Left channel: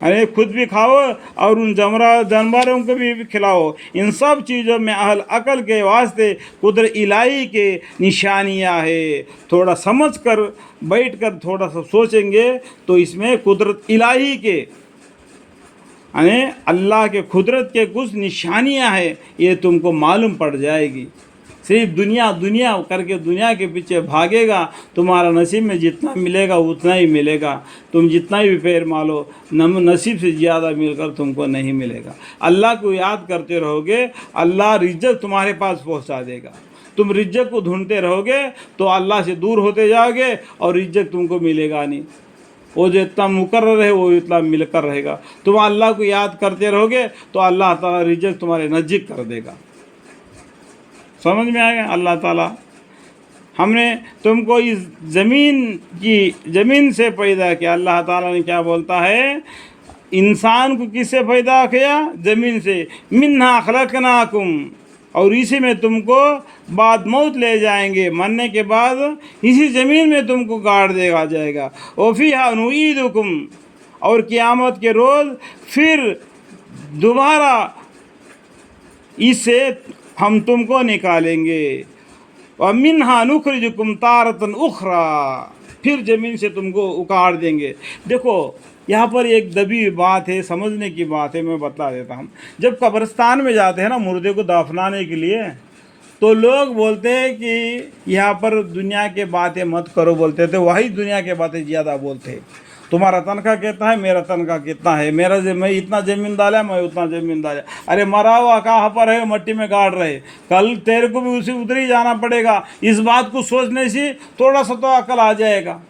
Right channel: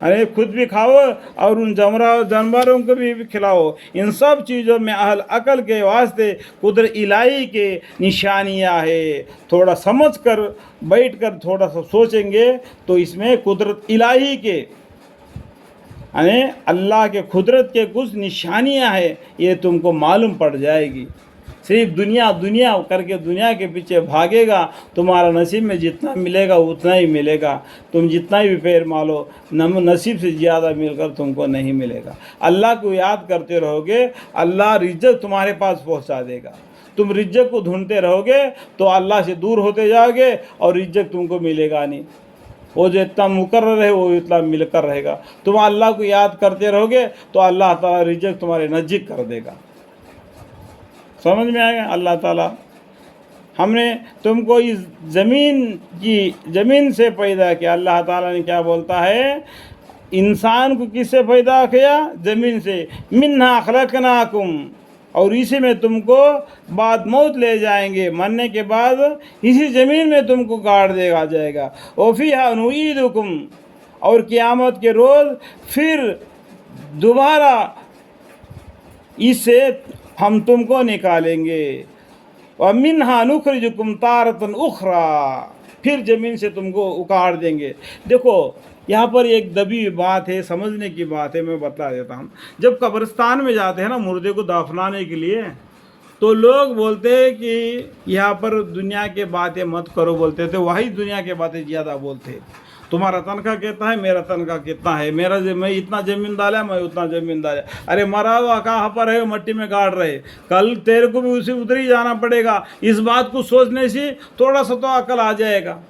अरे खुद भी खाओ और उन जानवरों को भी खिलाओ। इन सब चीज़ों में अहल अकल के वास्ते कुदरत इलाही के निशानियाँ है। थोड़ा समझ कर बैठ कर थोड़ा सा सोचेंगे तो इसमें कुदरत इलाही के यानी अल्लाह के कुदरत के कुछ निशानियाँ हैं, ये तुमको मालूम पड़ जाएगी। सिर्फ दुनिया दुनिया करके दुनिया के पीछे भागेगा, तुम्हारा नसीब में जितना मिलेगा उतना ही मिलेगा। तुम जितना भी पैर मारो नसीब से ज़्यादा मिलकर तुमको नहीं मिलेगा। अल्लाह को याद करते रहोगे, अल्लाह रिज़्क़ तुम्हारे पास पहुंचा देगा। तुम रिज़्क़ को ढूंढते रहोगे तो अल्लाह से दूर होते जाओगे और रिज़्क़ तुमको मिलेगा नहीं। वो जो इतना मुकर्रर है वो इतना मिलकर रहेगा। तुम अल्लाह को याद करते रहोगे तो अल्लाह ताला रिज़्क़ तुम्हारे नज़दीक कर देगा। समझ में आ गया? अल्लाह ताला हमने तुमको इस ज़मीन से पैदा किया। अल्लाह ताला ने क्या बोलता है, इंसान को किससे पैदा किया? ज़मीन से। मिन्हा खलकनाकुम, और इसी में तुमको बाद मौत ले जाएंगे, मरने के बाद इसी ज़मीन में तुमको गाड़ देगा जाएगा। वफ़ीहा नुईदुकुम, और क़यामत के रोज़ फिर दोबारा इससे हम तुमको निकालेंगे। व मिन्हा नुखरिजुकुम तारतन उखरा, फिर ज़मीन से तुमको उखाड़ देंगे। देखो यहाँ पर एक दबी बात है, समझने की बात है, मैं बता देता हूँ। जब कब्रिस्तान में जाते हैं ना मुर्दे को दफनाने के लिए, तो लोग बोलते हैं कि यहाँ पर दुनिया के बातें मत करो बोलते थे, वही दुनिया के बातें ज़्यादा बोलते हैं। तुम्हारा तनख्वाह कितना है, मेरा तनख्वाह कितना है, मैं इतना ज़मीन डाला, मैं उतना ज़मीन डाला। अरे मरा हुआ कहाँ पर है, मट्टी में गाड़ रहे, कल तेरे को भी उसी उधर ही जाना पड़ेगा। इस बात को सोचने से थोड़ा सा तो अकल आ जाएगा।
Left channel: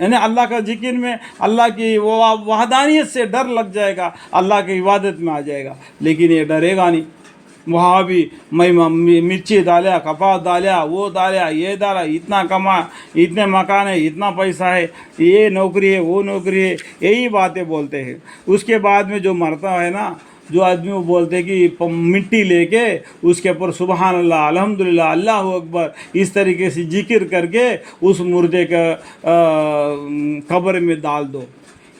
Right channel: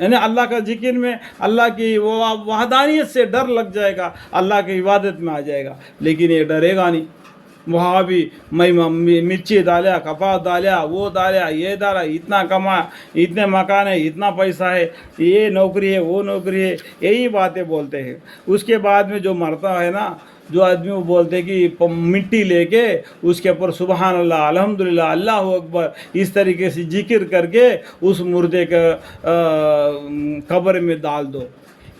यानी अल्लाह का जिक्र में अल्लाह की वो वहदानियत से डर लग जाएगा, अल्लाह की इबादत में आ जाएगा। लेकिन ये डरेगा नहीं। वहाँ भी मैं मिर्ची डाला, कपास डाला, वो डाला, ये डाला, इतना कमा, इतने मकान है, इतना पैसा है, ये नौकरी है, वो नौकरी है, यही बातें बोलते हैं। उसके बाद में जो मरता है ना, जो आदमी वो बोलते हैं कि मिट्टी लेके उसके ऊपर सुबहान अल्लाह, अल्हम्दुलिल्लाह, अल्लाह अकबर, इस तरीके से जिक्र करके उस मुर्दे का कब्र में डाल दो।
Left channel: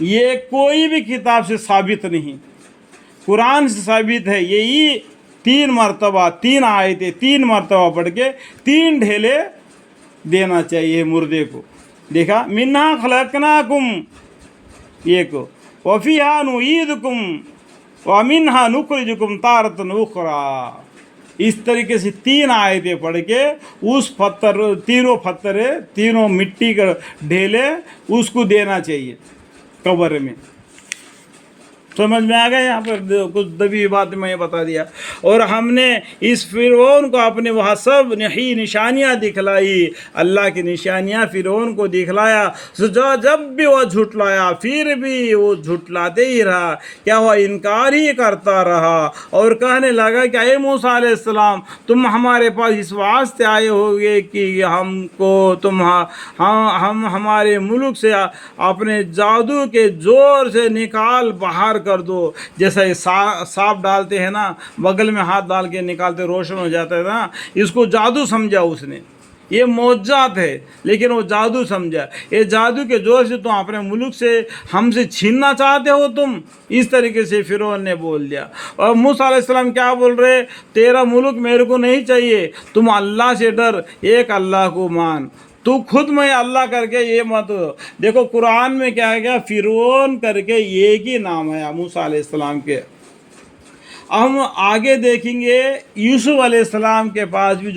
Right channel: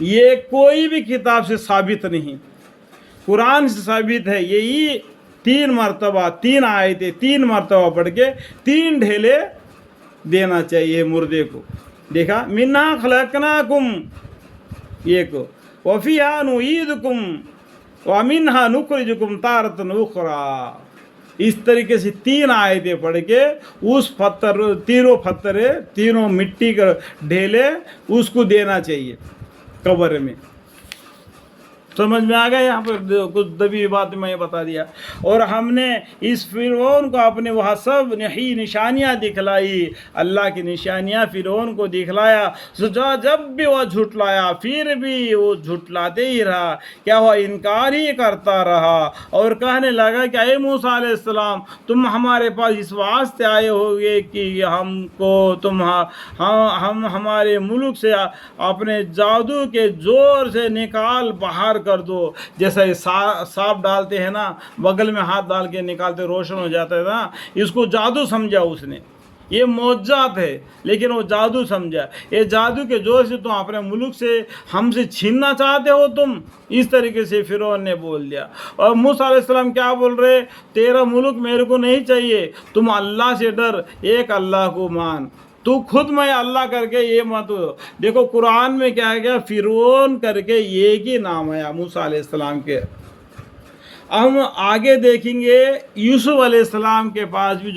ये कोई भी किताब से साबित नहीं, कुरान से साबित है। यही 3 मरतबा 3 आयतें 3 मरतबा पढ़ के 3 ढेले देना चाहिए मुर्दे को। देखा, मिन्हा खलकनाकुम, ये को वफ़ीहा नुईदुकुम व मिन्हा नुखरिजुकुम तारतन उखरा। इस तरीके से 3 आयतें पढ़ के उस तीनों मिट्टी का ढेले उसको देना चाहिए कब्र में। समझ में आ गया? यहाँ पर कुछ दबी बात मैं बता दिया। और हमने इस फिरौन को अपने वहाँ सब निशानियाँ दिखलाई, अल्लाह की निशानियाँ फिरौन को दिखलाया। जब भी वो झुटलाया फिर भी वो झुटलाते ही रहा। क्या हुआ? इनकार ही करता रहा और कहने लगा कि अये मूसा अलैहिस्सलाम, तुम हमारे पास इस वास्ते आए होगे कि हमको हम हमारे मुल्क से अपने जादू के ज़ोर से निकाल बाहर कर दो। जैसे सांप डालते हैं ना, बगल में हाथ डाल के निकालते रोशन हो जाता है ना, इसको जादू समझा उसने। ये मौजज़ात है लेकिन वो जादू समझा। ये जादू के जोर से तुम अपने मुल्क से हमसे छीनना चाहते हो तुम, इस तरीके से फिरौन ने बोल दिया। और मूसा अलैहिस्सलाम क्या बोल रहे? तेरा मुल्क मेरे को नहीं चाहिए, तुम अल्लाह से डर, एक अल्लाह को मान, तू खुद में अल्लाह करके ये मत। देखो कुरान में क्या है, क्या फिरौन करके एक ही नाम है मूसा अलैहिस्सलाम के। हम आगे देखेंगे यूसुफ अलैहिस्सलाम के पास भी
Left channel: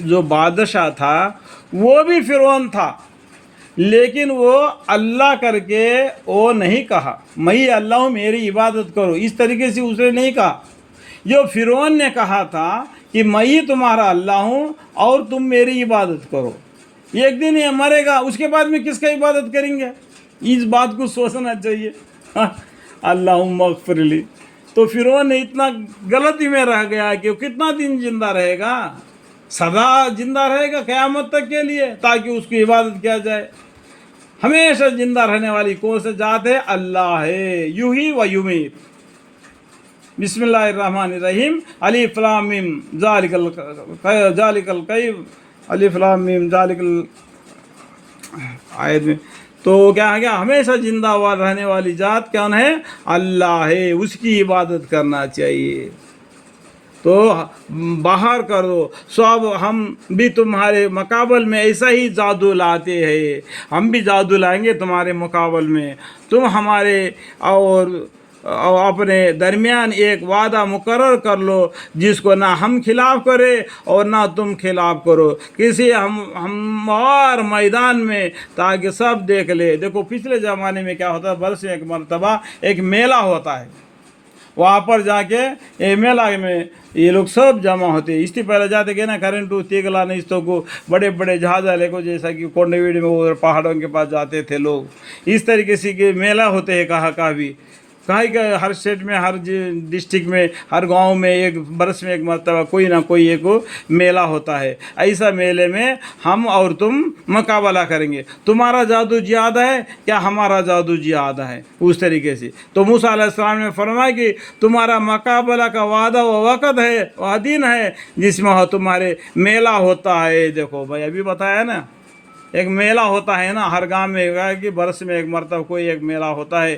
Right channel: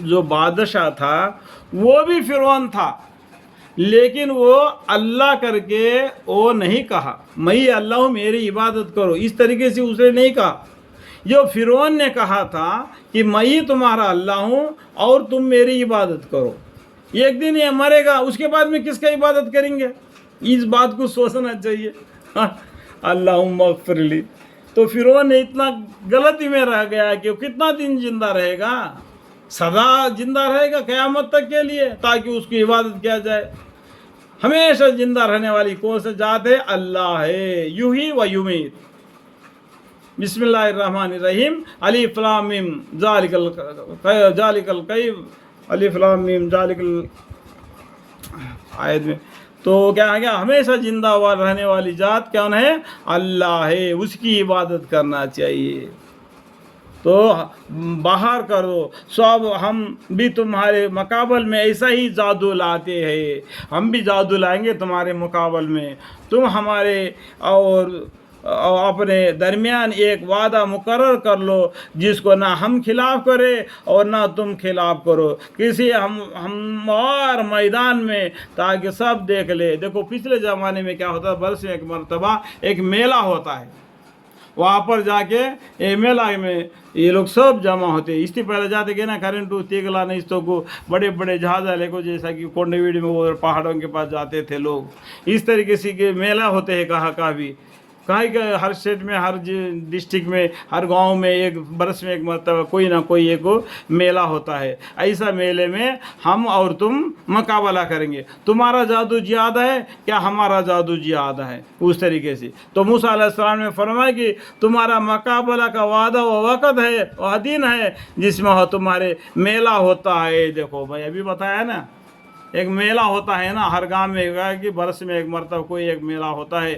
जो बादशाह था वो भी फिरौन था, लेकिन वो अल्लाह करके वो नहीं कहा मैं अल्लाह हूँ मेरी इबादत करो, इस तरीके से उसने नहीं कहा। जो फिरौन ने कहा था कि मैं ही तुम्हारा अल्लाह हूँ और तुम मेरी इबादत करो। एक दिन ये मरेगा, उसके बाद में किसका इबादत करेंगे? इस बात को सोचना चाहिए। अल्लाहुम्मा अग़फ़िरली। तो फिरौन ने इतना गलती में रह गया कि वो कितना दिन जिंदा रहेगा? सदा जिंदा रहेगा क़यामत तक के लिए, ताकि उसकी इबादत किया जाए। हमेशा जिंदा रहने वाली कौन सी जात है? अल्लाह है, युही व युमीत। बिस्मिल्लाहिर्रहमानिर्रहीम, अलिफ लाम मीम ज़ालिकल कय्यम, अलिफ लाम मीम ज़ालिकल आयत में। تو کیا ہے کہ ہمیشہ زندہ رہنے والی ذات کون ہے؟ اللہ ہے، اس کی عبادت کرنا چاہیے۔ تو باہر کرو سب، ہم بھی تمہارے مقابل میں ایسا ہی جادو لاتے ہیں، ہم بھی جادو لائیں گے تمہارے مقابل میں، تم ہمارے اور اپنے درمیان ایک وعدہ مقرر کر لو جس کو نہ ہم خلاف کرے اور نہ تم خلاف کرو کسی ہموار میدان میں، تاکہ سب دیکھ لے۔ دیکھو پچھلے زمانے میں کیا ہوتا ہے، برس میں ایک مرتبہ ایک میلہ ہوتا ہے، وہاں پر جا کے میلہ میں یہ لوگ سب جمع ہوتے ہیں۔ اس سے پہلے جاتے کہ نا کرنٹو تیگلا نہیں تو کو بڑے بڑے جہاز والے کو، جیسا کہ کونڈویڈی میں وہ پہاڑوں کے پاس جاتے تھے لوگ، اس طریقے سے کہ میلہ ہوتے ہیں کہاں بھی کہ ہر اسٹیٹ میں، ہر ڈسٹرکٹ میں، ہر گاؤں میں ایک برس میں ایک مرتبہ کوئی نہ کوئی ایک میلہ ہوتا ہے۔ ایسا میلے میں ہم اور تم مقابلہ کریں گے، تمہارا جادو زیادہ ہے کیا ہمارا جادو زیادہ ہے، اس طریقے سے۔ تو موسیٰ علیہ السلام نے فرمایا کہ تمہارا مقابلہ کا وعدہ و وقت ہے، وہ دن ہے جس میں تمہارے میلہ ہوتا ہے۔ دیکھو بھائی ابھی بتایا نا، ایک میلہ ہوتا ہے نا ہر گاؤں میں، کہ برس میں ایک مرتبہ کوئی ایک میلہ ہوتا ہے،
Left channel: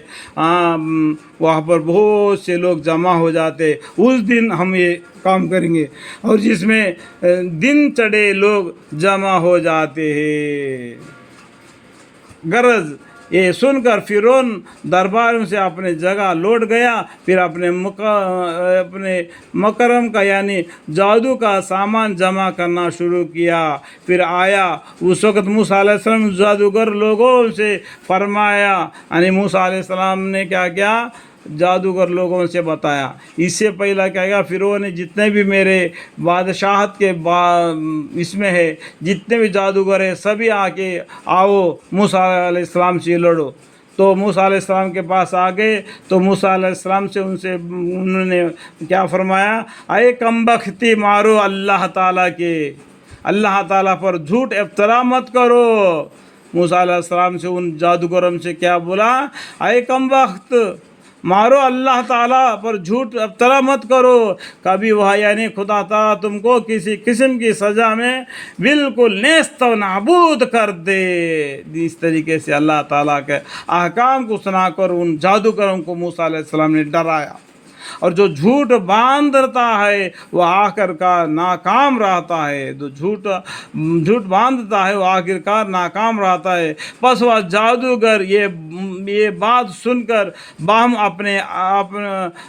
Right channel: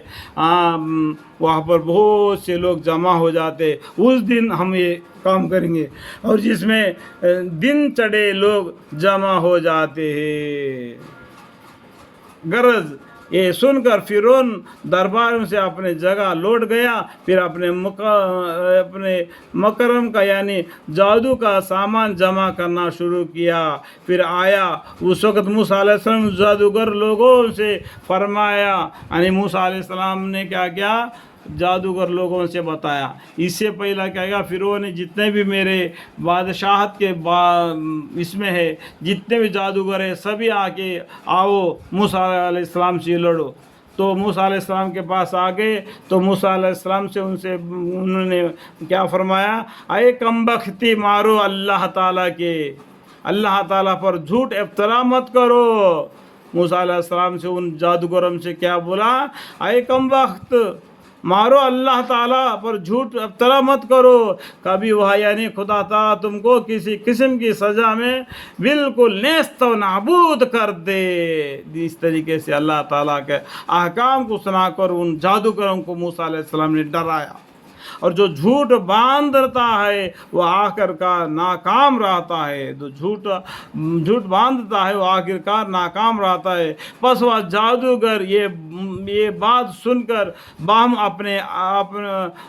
وہاں پر بہت سے لوگ جمع ہو جاتے، اس دن ہم یہ کام کریں گے، اور جس میں دن چڑھے لوگ جمع ہو جاتے ہیں۔ غرض یہ سن کر فرعون دربار سے اپنے جگہ لوٹ گیا، پھر اپنے مکرم کا یعنی جادو کا سامان جمع کرنا شروع کیا۔ پھر آیا اس وقت موسیٰ علیہ السلام جادوگر لوگوں سے فرمایا، یعنی موسیٰ علیہ السلام نے کیا کیا، جادوگر لوگوں سے بتایا۔ اس سے پہلا کیا گیا، فرعون نے جتنے بھی میرے بادشاہت کے اس میں ہے، جتنے بھی جادوگر ہیں سبھی آ کے آؤ موسیٰ علیہ السلام سے لڑو۔ تو موسیٰ علیہ السلام کے پاس آ گئے، تو موسیٰ علیہ السلام سے انہوں نے کیا فرمایا، اے کم بختی مارو اللہ تعالیٰ کے، اللہ تعالیٰ پر جھوٹ افطرا مت کرو۔ موسیٰ علیہ السلام سے ان جادوگروں سے کیا بولا، اے کم بخت مارو اللہ تعالیٰ پر جھوٹ افطرا مت کرو، کبھی وہ یعنی خدا تعالیٰ تم کو کسی قسم کی سزا میں بالکل نیست و نابود کر دے۔ اس طریقے سے اللہ تعالیٰ کے احکام کو سنا کر ان جادوگروں کو موسیٰ علیہ السلام نے ڈرایا، اور جو جھوٹ باندھتا ہے وہ آخر کار ناکام رہتا ہے، جو جھوٹ باندھتا ہے وہ آخر کار ناکام رہتا ہے۔ پس وہ جادوگر یہ بات سن کر باہم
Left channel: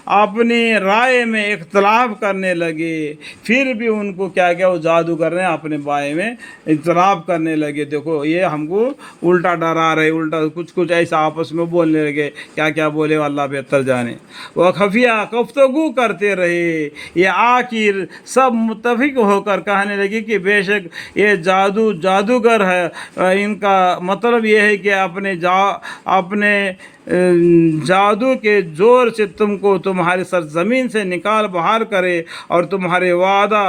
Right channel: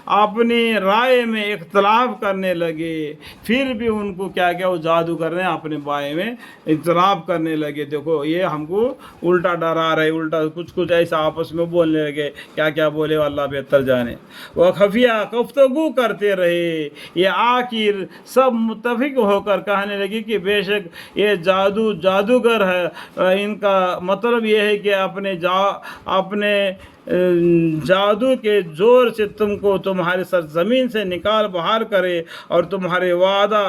اپنی رائے میں اختلاف کرنے لگے۔ پھر بھی ان کو کیا وہ جادوگر نے اپنے بارے میں اختلاف کرنے لگے، دیکھو یہ ہم کو الٹا ڈرا رہے، الٹا کچھ ایسا آپس میں بولنے لگے، کیا بولے اللہ بہتر جانے۔ وہ خفیہ گفتگو کرتے رہے، یہ آخر سب متفق ہو کر کہنے لگے کہ بے شک یہ جادوگر ہے، ان کا مطلب یہ ہے کہ اپنے جادو کے زور سے تم کو تمہاری سرزمین سے نکال باہر کرے، اور تمہارے وعدہ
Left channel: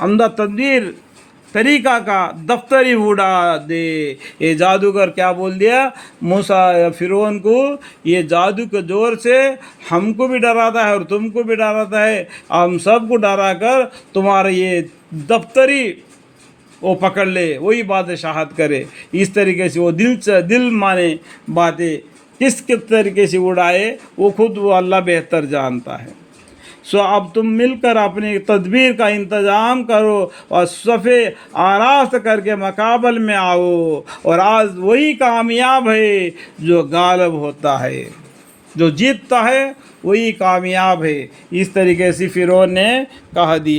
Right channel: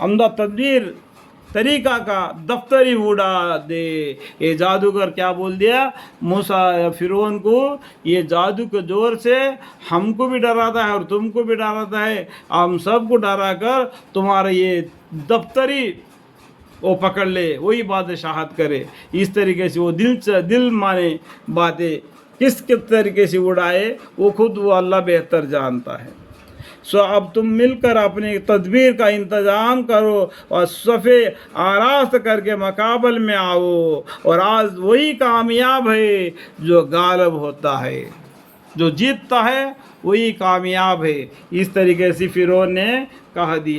عمدہ تدبیر طریقہ کا دفتری اڑا دے۔ یہ جادوگر کیا بول دیا موسیٰ فرعون کو، یہ جادو کے زور سے ہم کو بھی ڈراتا ہے اور تم کو بھی ڈراتا ہے، ہم سب کو ڈرا کر تمہارا یہ دفتری وہ پکڑ لے، وہی بادشاہت کرے۔ اس طریقے سے وہ دل مانے باتیں کس طریقے سے اڑائے وہ خود وہ اللہ بہتر جانتا ہے۔ سو اب تم مل کر اپنی تدبیر کا انتظام کرو اور صفے آراست کر کے مقابل میں آؤ، اور آج وہی کامیاب ہے جو غالب ہوتا ہے، جو جیتتا ہے وہی کامیاب ہے۔ اس طریقے سے فرعون نے کہہ دیا۔